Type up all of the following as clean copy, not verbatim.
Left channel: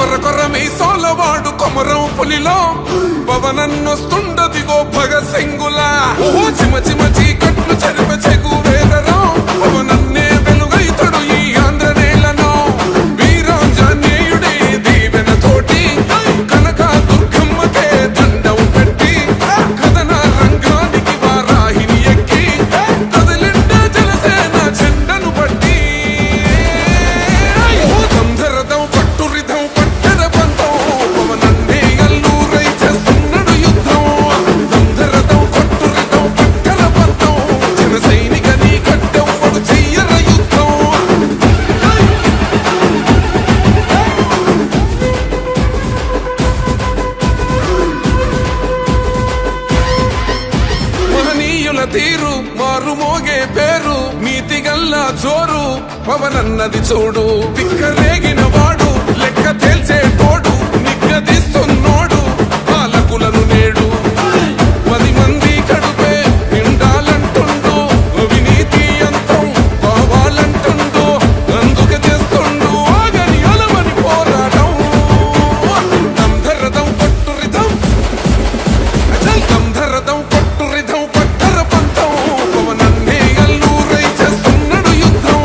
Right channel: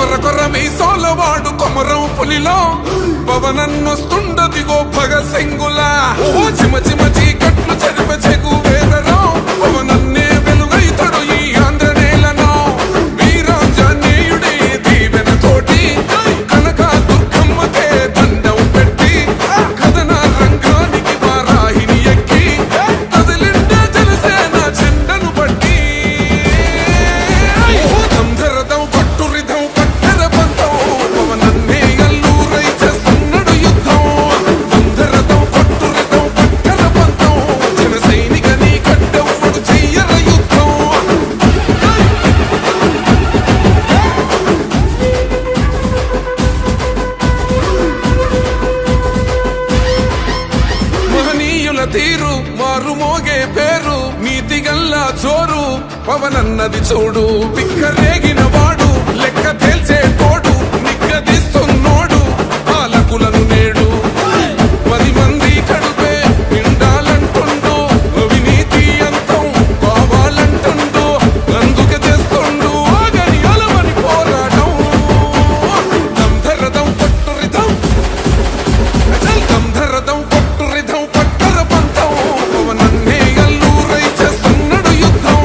కొర్ర కొర్ర మీ సోలవాడు కొమరం పులిలో పవనన్నొస్తుండదిగో భగత్ సింగులా ఓహో చిమ చిమ చీకట్లు చెరిప చెగు వేదరో పవనన్నే వెలుగైతడు ఈ ఆంధ్ర నేలను వీరాంజనేయుడి దీవెన తోటి కనక దుర్గమ్మకే దండం పెట్టి కథన రంగానికి వారాహిని ఎక్కి కదిలిండే జనసేన జెండను బట్టి దంధరదం కొట్టురిదం పట్టర పంతం పవనన్నే అల్లూరై చేస్తున్నాడు యుద్ధం దంధరదం కొట్టురిదం పట్టర పంతం జన సైనికని కట్టెవ్వడు చెయ్యర యుద్ధం మహనీయుల తీరు మారుమోగే పేరు నీతిగల్లా జోరు పవనన్నది చూడు పిక్కరేగిన వాడు లెక్క తేల్చేటోడు నిగ్గదీస్తున్నోడు పాలకులను నేడు 10 మంది కడుపే నిండాలంటుండు అవినీతి అంతం కావాలంటుండు అందుకే చేస్తుండు ఆగని అలవని పోరాటం దంధరదం కొట్టురిదం అచల్ దంధరదం కొట్టురిదం పట్టర పంతం పవనన్నే అల్లూరై చేస్తున్నాడు యుద్ధం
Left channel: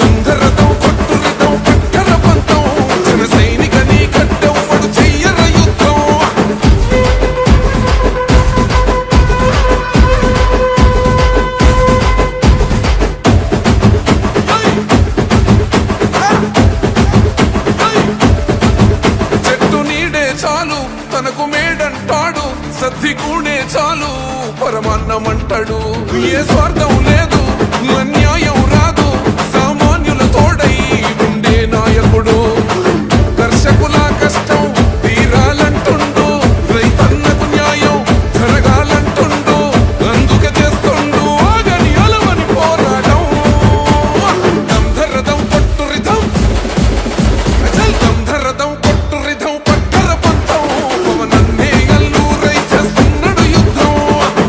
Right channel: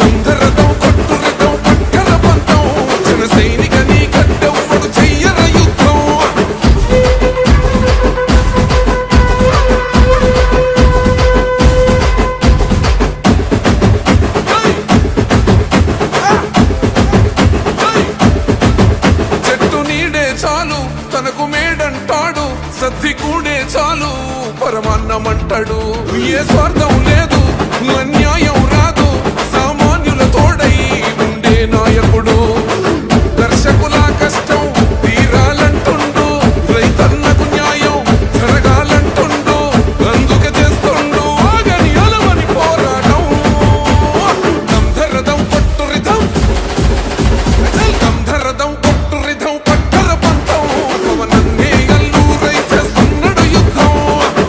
దంధరదం కొట్టురిదం పట్టర పంతం జన సైనికని కట్టెవ్వడు చెయ్యర యుద్ధం చెట్టు నీడే చాలు తనకు మేడంటాడు సద్ది కూడే చాలు పరమాన్నమంటాడు ఏ స్వార్థం లేదు అన్యాయం రాదు సామాన్యుల తోడై ఉండే నాయకుడు దర్శకుల కష్టం